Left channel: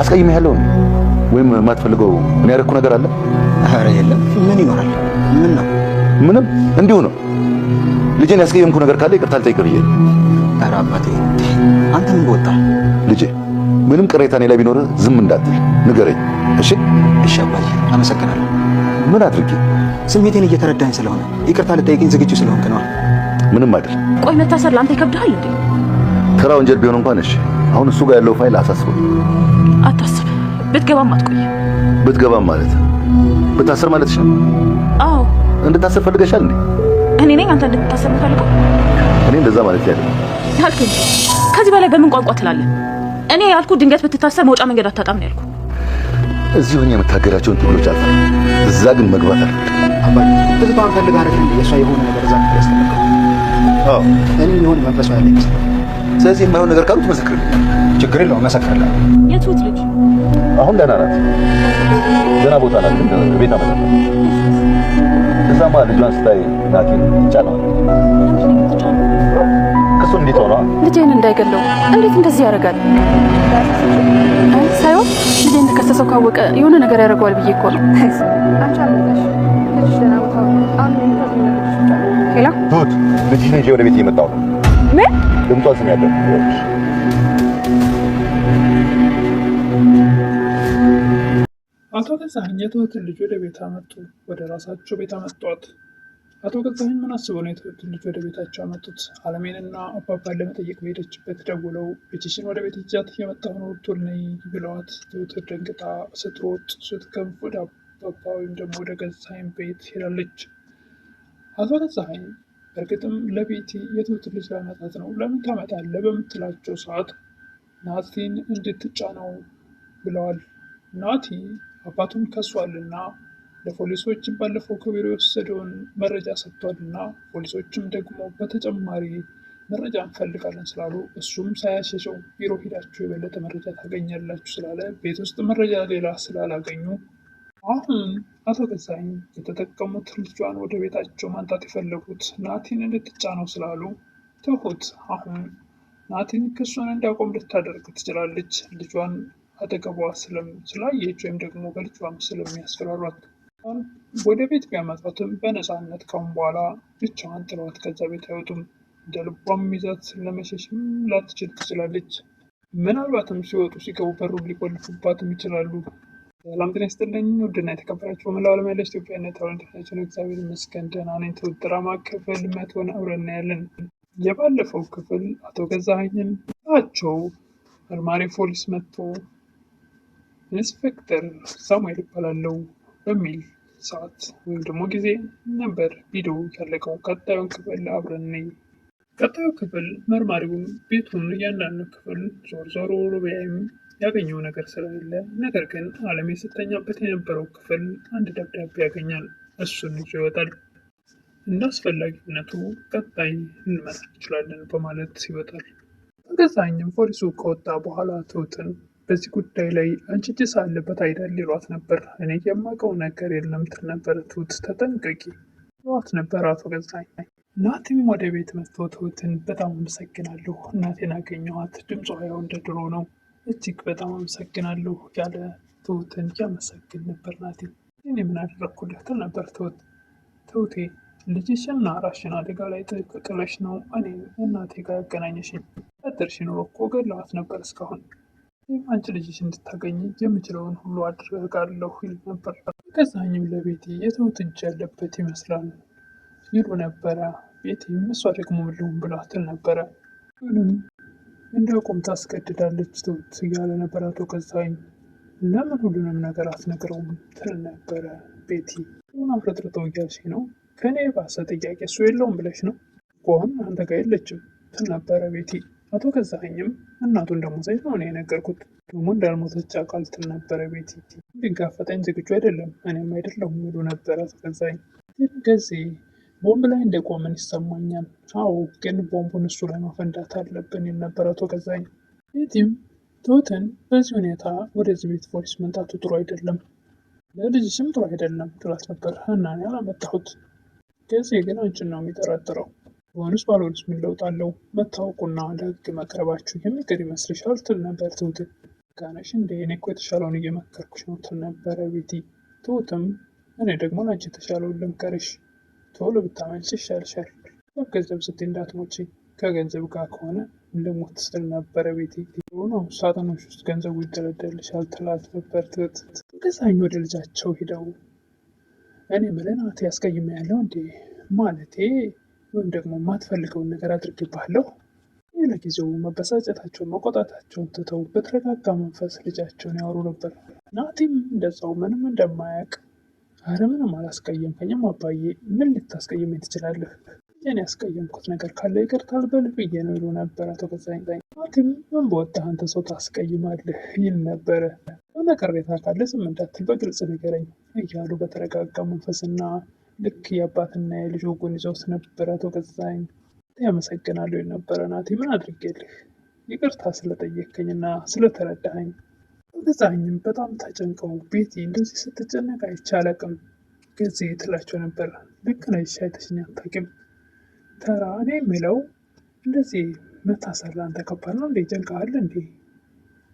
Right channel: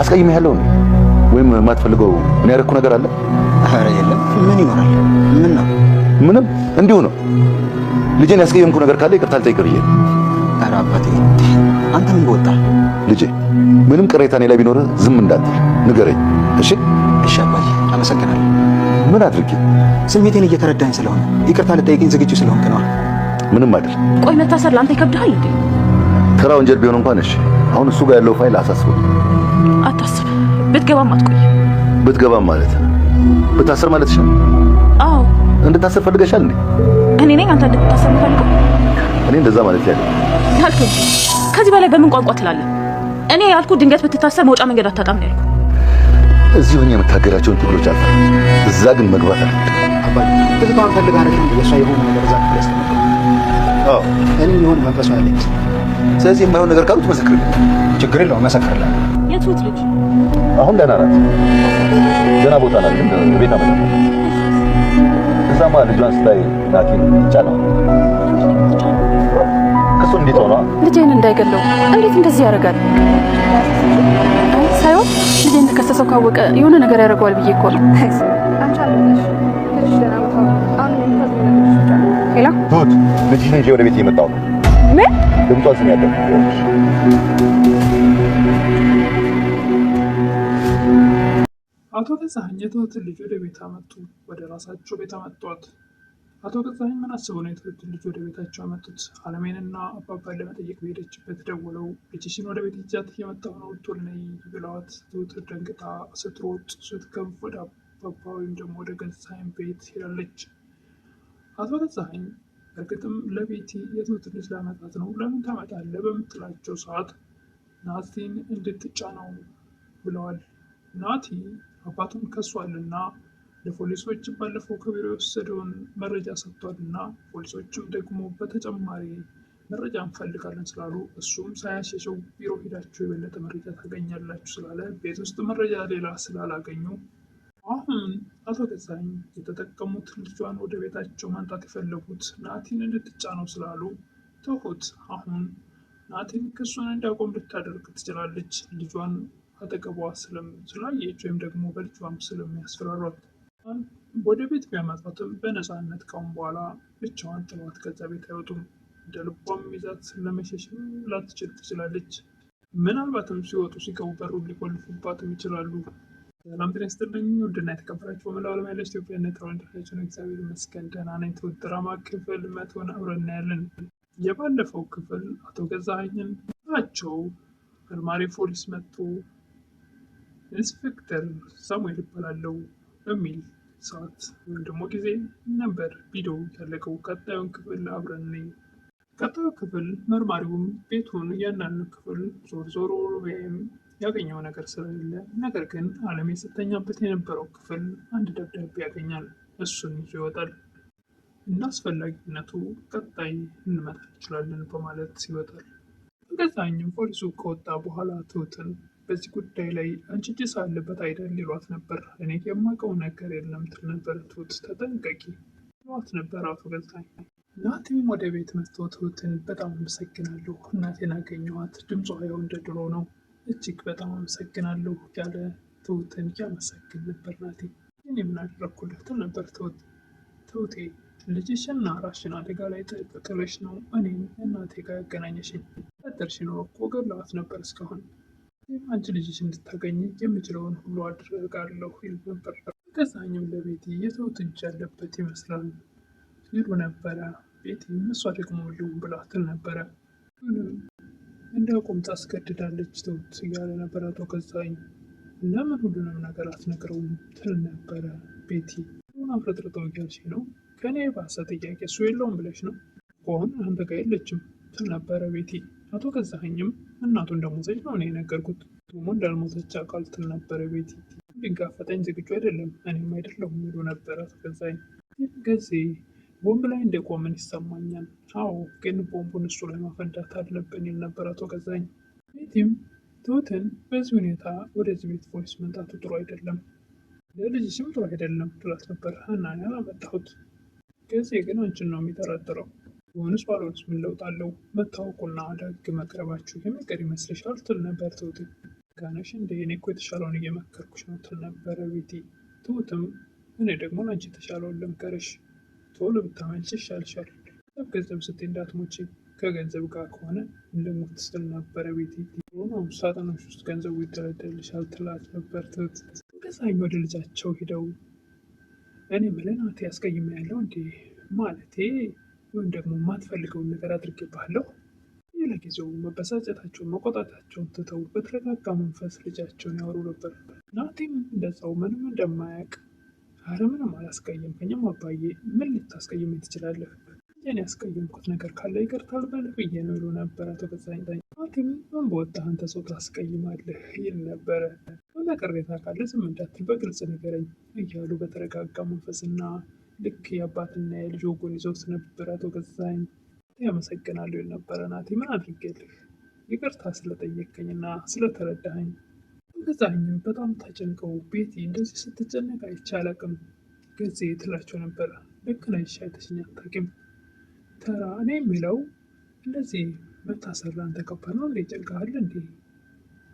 አስቀይሜ ያለው ነው ወይም የማትፈልገው ምን ያደረኩ ነገር አለ? ኧረ የለም። ምን ይኖራል? ምን ነው? ምንም እንዲሁ ነው። ልጄን ያስቀየምኩ ነገር ካለ ይቅርታ ልጠይቅ ብዬ። ኧረ አባቴ አንተ ምን ወጣ? ልጄ ምንም ቅሬታ እኔ ላይ ቢኖር ዝም እንዳትል ንገረኝ። እሺ እሺ አባቴ አመሰግናለሁ። ምን አድርጌ? ስሜቴን እየተረዳኝ ስለሆነ ይቅርታ ልጠይቅኝ ዝግጁ ስለሆንክ ነው። ምንም አይደል። ቆይ መታሰር ለአንተ ይከብድሃል እንዴ? ተራ ወንጀል ቢሆን እንኳን እሺ። አሁን እሱ ጋር ያለው ፋይል አሳስበው። አታስብ። ብትገባም አትቆይ። ብትገባም ማለት ብታሰር ማለት ነው? አዎ። እንድታሰር ፈልገሻል እንዴ? እኔ ነኝ አንተ እንድትታሰር የምፈልገው? እኔ እንደዛ ማለት ያለ ያልክ እንጂ ከዚህ በላይ በምን ቋንቋ ትላለህ? እኔ ያልኩ ድንገት ብትታሰር መውጫ መንገድ አታጣም ነው ያልኩ። እዚህ ሆኜ የምታገራቸውን ትግሎች አልፈራ፣ እዛ ግን መግባት አልፈልግም። አባዬ ትዝታን ፈልጋ አይደል እንዴ የሷ የሆነ ነገር እዛ ክፍል ያስቀመጥከው? አዎ እኔ የሆነ መንፈሱ ያለ ይመስል። ስለዚህ የማይሆን ነገር ካሉት መስክርልኝ። ችግር የለውም መሰክርልሃለሁ። የትሁት ልጅ አሁን ደህና ናት፣ ደህና ቦታ ናት። ግን ቤት አመጣት። እዛማ ልጇን ስታይ ናቲን ይጫናል። ክሱ እንዴት ሆነ? ልጄን እንዳይገለው እንዴት እንደዚህ ያደርጋል? አይ ሳይሆን ልጄን እንደከሰሰው ካወቀ የሆነ ነገር ያደርገዋል ብዬ እኮ ነው። አንቺ አለሽ ልጅ ደህና ቦታ አሁን ሄላ ትሁት ልጅሽን ይዤ ወደ ቤት እየመጣሁ ነው። ምን ድምጧን ስም ያለው አቶ ገዛኸኝ የትሁትን ልጅ ወደ ቤት አመጡ። ወደ ራሳቸው ቤት አመጧት። አቶ ገዛኸኝ ምን አስበው ነው የትሁትን ልጅ ወደ ቤታቸው አመጡት? አለሜንና አባባን ለመጠየቅ በሄደችበት ደውለው ልጅሽን ወደ ቤት ይዣት እየመጣሁ ነው ቶሎ ነይ ብለዋት ትሁት ደንግጣ ስትሮጥ ስትገብ ወደ አባባ ወይም ደግሞ ወደ ገዛኸኝ ቤት ሄዳለች። አቶ ገዛኸኝ በእርግጥም ለቤቲ የትሁትን ልጅ ለማመጣት ነው። ለምን ታመጣለህ በምትላቸው ሰዓት ናቲን እንድትጫነው ብለዋል። ናቲ አባቱን ከሷልና ለፖሊሶች ባለፈው ከቢሮ የወሰደውን መረጃ ሰጥቷልና ፖሊሶችም ደግሞ በተጨማሪ መረጃ እንፈልጋለን ስላሉ እሱም ሳያሸሸው ቢሮ ሄዳችሁ የበለጠ መረጃ ታገኛላችሁ ስላለ ቤት ውስጥ መረጃ ሌላ ስላላገኙ አሁን አቶ ገዛኸኝ የተጠቀሙት ልጇን ወደ ቤታቸው ማምጣት የፈለጉት ናቲን እንድትጫነው ስላሉ ትሁት አሁን ናቲን ክሱን እንዲያቆም ልታደርግ ትችላለች። ልጇን አጠገቧ ስላየች ወይም ደግሞ በልጇም ስለሚያስፈራሯት ወደ ቤት ቢያመጣትም በነፃነት ካሁን በኋላ ብቻዋን ጥለዋት ከዛ ቤት አይወጡም። እንደ ልቧም ይዛት ለመሸሽም ላትችል ትችላለች። ምናልባትም ሲወጡ ሲገቡ በሩን ሊቆልፉባትም ይችላሉ። ሰላም ጤና ይስጥልኝ ውድና የተከበራችሁ በመላው ዓለም ያለች ኢትዮጵያና ተወልዳችሁ እግዚአብሔር ይመስገን ደህና ነኝ። ትሁት ድራማ ክፍል 100 አብረን እናያለን። የባለፈው ክፍል አቶ ገዛኸኝን ናቸው መርማሪ ፖሊስ መጥቶ ኢንስፔክተር ሳሙኤል ይባላለው በሚል ሰዓት ወይም ደግሞ ጊዜ ነበር ቪዲዮ ያለቀው። ቀጣዩን ክፍል አብረን ነኝ። ቀጣዩ ክፍል መርማሪውም ቤቱን እያንዳንዱ ክፍል ዞር ቢያይም ያገኘው ነገር ስለሌለ፣ ነገር ግን አለም የስተኛበት የነበረው ክፍል አንድ ደብዳቤ ያገኛል። እሱን ይዞ ይወጣል። እንደ አስፈላጊነቱ ቀጣይ እንመጣ እንችላለን በማለት ይወጣል። ገዛኸኝም ፖሊሱ ከወጣ በኋላ ትሁትን በዚህ ጉዳይ ላይ አንቺ እጅ ሳለበት አይደል ይሏት ነበር። እኔ የማውቀው ነገር የለም ትል ነበር። ትሁት ተጠንቀቂ ይሏት ነበር አቶ ገዛኸኝ። ናቲም ወደ ቤት መጥቶ ትሁትን በጣም አመሰግናለሁ፣ እናቴን አገኘኋት፣ ድምጿ ያው እንደ ድሮ ነው፣ እጅግ በጣም አመሰግናለሁ ያለ ትሁትን ያመሰግን ነበር። ናቲ እኔ ምን አደረግኩልህ ትል ነበር ትሁት። ትሁቴ ልጅሽና ራስሽን አደጋ ላይ ጥለሽ ነው እኔም እናቴ ጋር ያገናኘሽኝ። ቀጥርሽ ኖሮ እኮ ገለዋት ነበር እስካሁን። አንቺ ልጅሽ እንድታገኝ የምችለውን ሁሉ አድርጋለሁ ይል ነበር። ገዛኸኝም ለቤቲ የትሁት እጅ ያለበት ይመስላል ይሉ ነበረ። ቤቲም እሷ ደግሞ ልሁን ብላ ትል ነበረ። ምንም እንዲያቆም ታስገድዳለች ትሁት እያለ ነበር አቶ ገዛኸኝ። ለምን ሁሉንም ነገር አትነግረውም ትል ነበረ ቤቲ። ምን አፍረጥርጠው እያልሽ ነው? ከእኔ ባሰ ጥያቄ እሱ የለውም ብለሽ ነው? አሁን አንተ ጋር የለችም ትል ነበረ ቤቲ። አቶ ገዛኸኝም እናቱ እንደሞተች ነው እኔ የነገርኩት፣ ደግሞ እንዳልሞተች አውቃል ትል ነበረ ቤቲ። ሊጋፈጠኝ ዝግጁ አይደለም እኔም አይደለሁም ይሉ ነበር አቶ ገዛኸኝ። ጊዜ ቦምብ ላይ እንደቆምን ይሰማኛል። አዎ ግን ቦምቡን እሱ ላይ ማፈንዳት አለብን ይል ነበር አቶ ገዛኸኝ። ቤቲም ትሁትን በዚህ ሁኔታ ወደዚህ ቤት ፖሊስ መምጣቱ ጥሩ አይደለም፣ ለልጅሽም ጥሩ አይደለም ትላት ነበር። እና እኔ አላመጣሁት፣ ጊዜ ግን አንቺን ነው የሚጠረጥረው። ሆንስ ባልሆንስ ምን ለውጥ አለው? መታወቁና ለህግ መቅረባችሁ የሚቀር ይመስልሻል ትል ነበር ትሁትን። ጋነሽ እንደ እኔ እኮ የተሻለውን እየመከርኩሽ ነው ትል ነበረ ቤቲ። ትሁትም እኔ ደግሞ ለአንቺ የተሻለውን ልምከርሽ፣ ቶሎ ብታመልጭ ይሻልሻል። ገንዘብ ስትይ እንዳትሞቺ፣ ከገንዘብ ጋር ከሆነ ልሙት ስል ነበረ ቤቲ። ነው ሳጥኖች ውስጥ ገንዘቡ ይደለደልሻል ትላት ነበር ትሁት። ገዛኝ ወደ ልጃቸው ሂደው እኔ ምለን አቴ ያስቀይም ያለው እንዴ ማለቴ ወይም ደግሞ የማትፈልገውን ነገር አድርጌብሃለሁ። ለጊዜው መበሳጨታቸውን መቆጣታቸውን ትተው በተረጋጋ መንፈስ ልጃቸውን ያወሩ ነበር። ናቲም እንደዛው ምንም እንደማያውቅ አረ ምንም አላስቀየምከኝም አባዬ፣ ምን ልታስቀይመኝ ትችላለህ? እኔ ያስቀየምኩት ነገር ካለ ይቅርታ አልበልህ ብዬ ነው ይሉ ነበር አቶ ገዛኝ። ናቲም ምን በወጣህ አንተ ሰው ታስቀይማለህ ይል ነበረ። የሆነ ቅሬታ ካለ ዝም እንዳትል በግልጽ ንገረኝ እያሉ በተረጋጋ መንፈስና ልክ የአባትና የልጅ ወጉን ይዘውት ነበር አቶ ገዛኝ። ያመሰግናለሁ የነበረ ናቲ፣ ምን አድርጌልህ? ይቅርታ ስለጠየከኝና ስለተረዳኸኝ። ገዛኝም በጣም ተጨንቀው ቤቲ እንደዚህ ስትጨነቅ አይቼ አላቅም ጊዜ ትላቸው ነበር። ልክ ነሽ አይተሽኝ አታውቂም። ተራ እኔ የሚለው እንደዚህ መታሰር ለአንተ ከባድ ነው እንዴ? ጨንቀሃል እንዴ?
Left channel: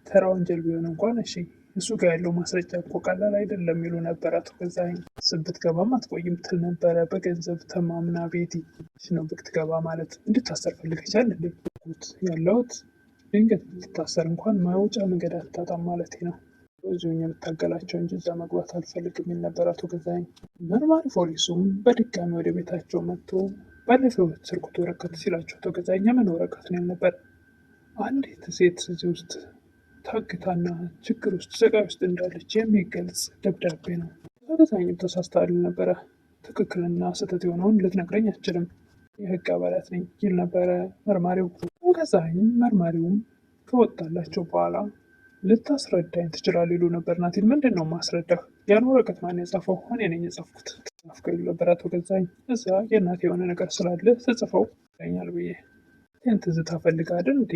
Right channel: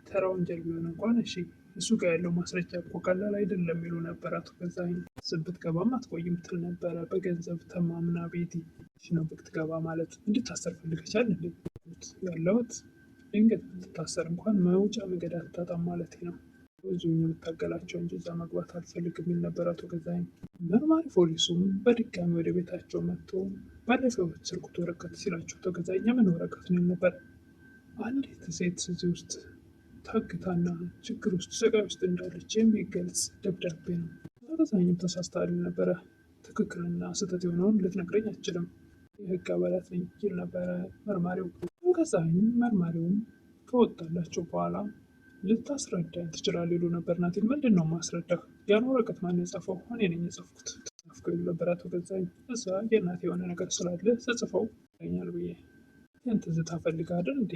ተራ ወንጀል ቢሆን እንኳን እሺ፣ እሱ ጋር ያለው ማስረጃ እኮ ቀላል አይደለም ይሉ ነበር አቶ ገዛኸኝ። ብትገባም አትቆይም ትል ነበረ በገንዘብ ተማምና ቤቲ። ነው ብትገባ ማለት እንድታሰር ፈልገሻል እንዴ? ያለሁት ድንገት ልታሰር እንኳን መውጫ መንገድ አታጣም ማለት ነው። ብዙ የምታገላቸው እንጂ እዛ መግባት አልፈልግም የሚል ነበር አቶ ገዛኸኝ። መርማሪ ፖሊሱም በድጋሚ ወደ ቤታቸው መጥቶ ባለፈው ስርቆት ወረቀት ሲላቸው አቶ ገዛኸኝ ምን ወረቀት ነው ነበር? አንዲት ሴት እዚህ ውስጥ ታግታና ችግር ውስጥ ስቃይ ውስጥ እንዳለች የሚገልጽ ደብዳቤ ነው። አቶ ገዛኸኝም ተሳስተሃል ነበረ። ትክክልና ስህተት የሆነውን ልትነግረኝ አትችልም፣ የህግ አባላት ነኝ ይል ነበረ መርማሪው። ገዛኸኝም መርማሪውም ከወጣላቸው በኋላ ልታስረዳኝ ትችላለህ ይሉ ነበር ናቲን። ምንድን ነው ማስረዳህ? ያን ወረቀት ማን የጻፈው? እኔ ነኝ የጻፍኩት ጻፍከው ይሉ ነበር አቶ ገዛኸኝ። እዛ የእናቴ የሆነ ነገር ስላለ ስጽፈው ይለኛል ብዬ ይህን ትዝታ ፈልጋልን እንዴ?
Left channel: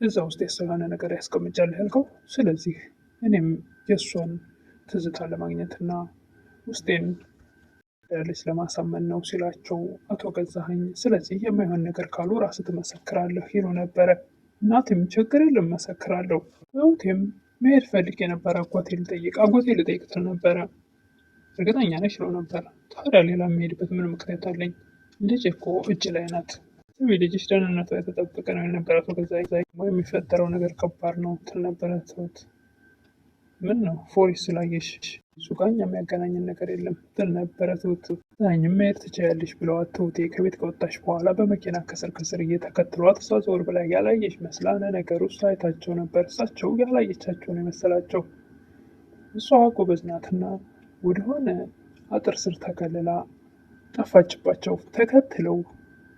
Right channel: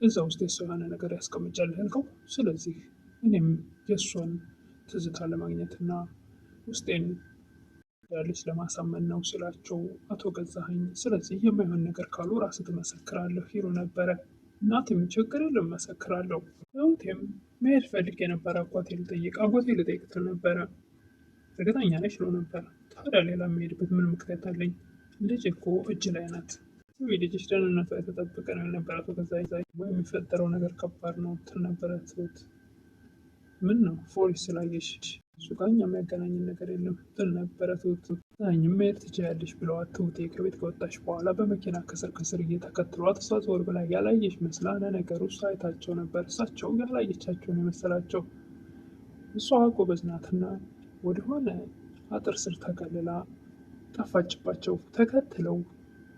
እዛ ውስጥ የሰው የሆነ ነገር ያስቀምጫለህ ያልከው። ስለዚህ እኔም የእሷን ትዝታ ለማግኘትና ውስጤን ያለች ለማሳመን ነው ሲላቸው አቶ ገዛኸኝ ስለዚህ የማይሆን ነገር ካሉ ራስህ ትመሰክራለህ ይሉ ነበረ። ናቲም ችግር የለም እመሰክራለሁ። እህቴም መሄድ ፈልጌ የነበረ አጎቴ ልጠይቅ ትል ነበረ። እርግጠኛ ነሽ ይለው ነበር። ታዲያ ሌላ የሚሄድበት ምን ምክንያት አለኝ? ልጅ እኮ እጅ ላይ ናት። ስሚ ልጅሽ ደህንነቷ የተጠበቀ ነው የነበረ አቶ ገዛኸኝ። የሚፈጠረው ነገር ከባድ ነው ትል ነበረ ትሁት። ምን ነው ፖሊስ ስላየሽ እሱ ጋር እኛ የሚያገናኝን ነገር የለም ትል ነበረ ትሁት። ገዛኸኝም መሄድ ትችያለሽ ብለዋት ትሁቴ ከቤት ከወጣች በኋላ በመኪና ከስር ከስር እየተከትሏት እሷ ዞር ብላ ያላየች መስላ ለነገሩ እሷ አይታቸው ነበር። እሳቸው ያላየቻቸው ነው የመሰላቸው። እሷ ጎበዝ ናትና ወደሆነ አጥር ስር ተከልላ ጠፋችባቸው። ተከትለው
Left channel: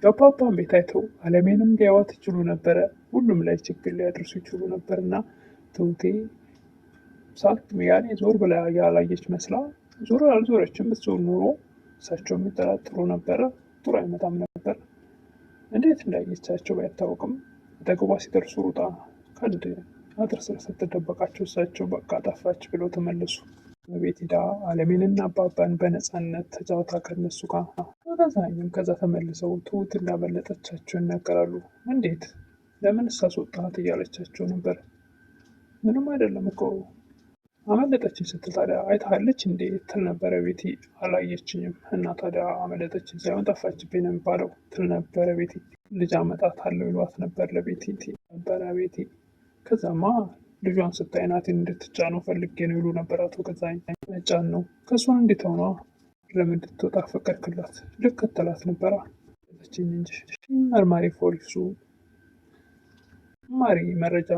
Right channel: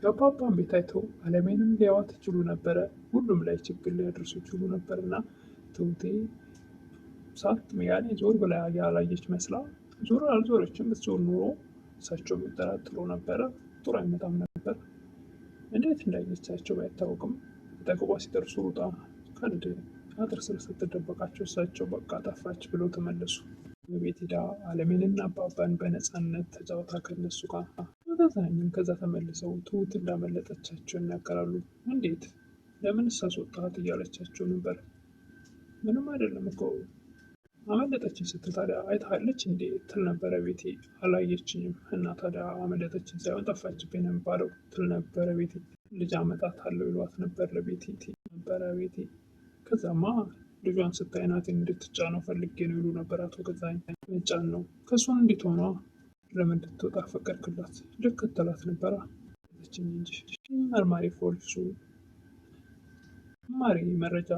የአባባን ቤት አይተው አለሜንም ሊያዋት ይችሉ ነበረ። ሁሉም ላይ ችግር ሊያደርሱ ይችሉ ነበርና ትሁቴ ሳት ያኔ ዞር ብላ ያላየች መስላ ዞር አልዞረችም። ብትዞር ኑሮ እሳቸው የሚጠራጥሩ ነበረ፣ ጥሩ አይመጣም ነበር። እንዴት እንዳየቻቸው ባይታወቅም አጠገቧ ሲደርሱ ሩጣ ከአንድ አጥር ስር ስትደበቃቸው እሳቸው በቃ ጠፋች ብሎ ተመለሱ። በቤት ሄዳ አለሜንና አባባን በነፃነት ተጫውታ ከነሱ ጋር። ገዛኸኝም ከዛ ተመልሰው ትሁት እንዳመለጠቻቸው ይናገራሉ። እንዴት ለምን ሳስወጣት እያለቻቸው ነበር። ምንም አይደለም እኮ አመለጠችን ስትል ታዲያ አይታለች እንዴ ትል ነበረ ቤቲ። አላየችኝም እና ታዲያ አመለጠችን ሳይሆን ጠፋችብኝ ነው የሚባለው ትል ነበረ ቤቲ። ልጅ አመጣታለሁ ይሏት ነበር ለቤቲ ነበረ ቤቲ። ከዛማ ልጇን ስታይ ናቲን እንድትጫነው ፈልጌ ነው ይሉ ነበር አቶ ገዛኸኝ። መጫን ነው ከእሷን እንዴት ሆኗ ለምን እንድትወጣ ፈቀድክላት? ልከተላት ነበራ ችኝ እንጂ። መርማሪ ፖሊሱ ማሪ መረጃ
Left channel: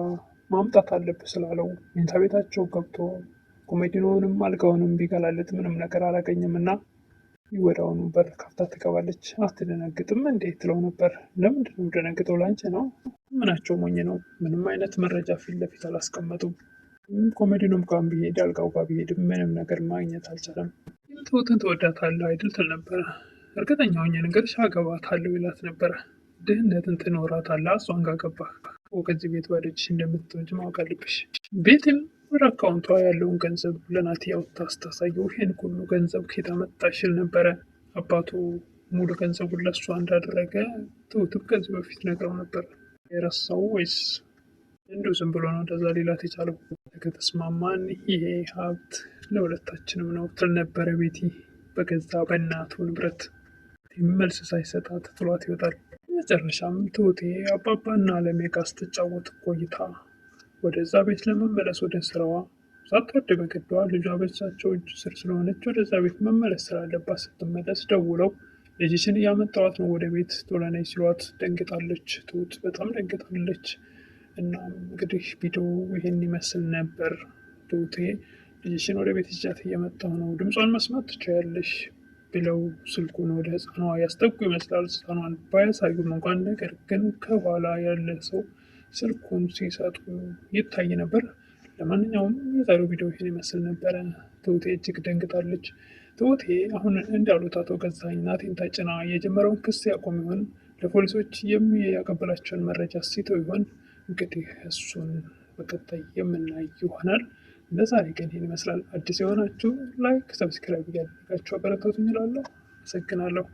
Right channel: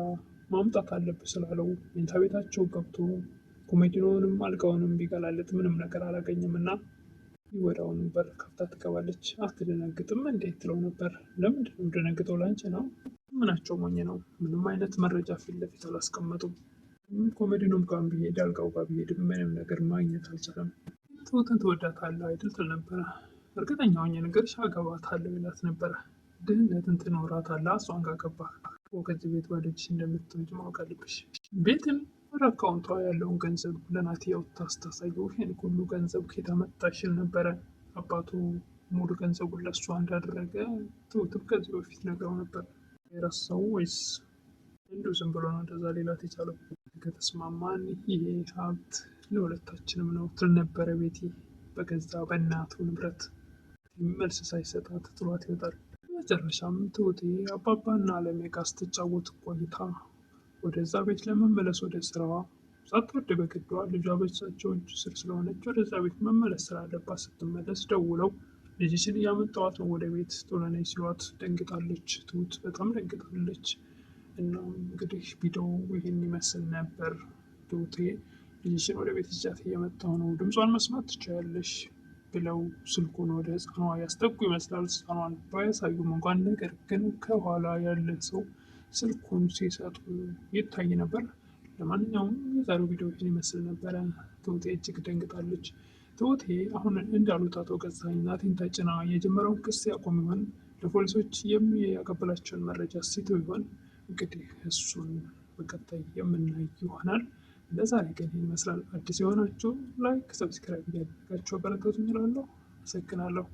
ማምጣት አለብህ ስላለው መኝታ ቤታቸው ገብቶ ኮሜዲኖንም አልጋውንም ቢገላልጥ ምንም ነገር አላገኘም እና ወዲያውኑ በር ከፍታ ትገባለች። አትደነግጥም እንዴ ትለው ነበር። ለምንድን ነው ደነግጠው? ላንቺ ነው። ምናቸው ሞኝ ነው። ምንም አይነት መረጃ ፊት ለፊት አላስቀመጡም። ኮሜዲኖም ጋር ቢሄድ አልጋው ጋር ቢሄድ ምንም ነገር ማግኘት አልቻለም። ትሁትን ትወዳታለህ አይደል ትል ነበረ። እርግጠኛ ሆኜ ነገርሽ አገባታለሁ ይላት ነበረ። ድህነትን ትኖራታለህ እሷን ጋር ገባህ ከዚህ ቤት ባዶችሽ እንደምትወጪ ማወቅ አለብሽ። ቤትም ወደ አካውንቷ ያለውን ገንዘብ ለናቲ አውጥታ ስታሳየው ይህን ሁሉ ገንዘብ ከየት አመጣሽ ይል ነበረ። አባቱ ሙሉ ገንዘቡን ለእሷ እንዳደረገ ትሁትም ከዚህ በፊት ነግረው ነበር። የረሳው ወይስ እንዲሁ ዝም ብሎ ነው እንደዛ ሌላት የቻለው? ከተስማማን ይሄ ሀብት ለሁለታችንም ነው ትል ነበረ ቤቲ በገዛ በእናቱ ንብረት። መልስ ሳይሰጣት ጥሏት ይወጣል። መጨረሻም ትሁቴ አባባና አለሜ ጋር ስትጫወት ቆይታ ወደዛ ቤት ለመመለስ ወደ ስራዋ ሳትወድ በግዷ ልጇ በሳቸው እጅ ስር ስለሆነች ወደዛ ቤት መመለስ ስላለባት ስትመለስ ደውለው ልጅሽን እያመጣዋት ነው ወደ ቤት ቶሎ ነይ ሲሏት ደንግጣለች። ትሁት በጣም ደንግጣለች። እናም እንግዲህ ቪዲዮ ይሄን ይመስል ነበር። ትሁቴ ልጅሽን ወደ ቤት ይዣት እየመጣሁ ነው፣ ድምጿን መስማት ትችያለሽ ብለው ስልኩን ወደ ህፃኗ ያስጠጉ ይመስላል። ህፃኗን ባያሳዩም እንኳን ነገር ግን ከኋላ ያለ ሰው ስልኩን ሲሰጡ ይታይ ነበር። ለማንኛውም የዛሬው ቪዲዮ ይህን ይመስል ነበረ። ትሁቴ እጅግ ደንግጣለች። ትሁቴ አሁን እንዳሉት አቶ ገዛኸኝ ናቲን ተጭና የጀመረውን ክስ ያቆም ይሆን? ለፖሊሶች የሚያቀብላቸውን መረጃ ሲተው ይሆን? እንግዲህ እሱን በቀጣይ የምናይ ይሆናል። ለዛሬ ግን ይህን ይመስላል። አዲስ የሆናችሁ ላይክ፣ ሰብስክራይብ እያደረጋችሁ አበረታቱኝ እላለሁ። አመሰግናለሁ።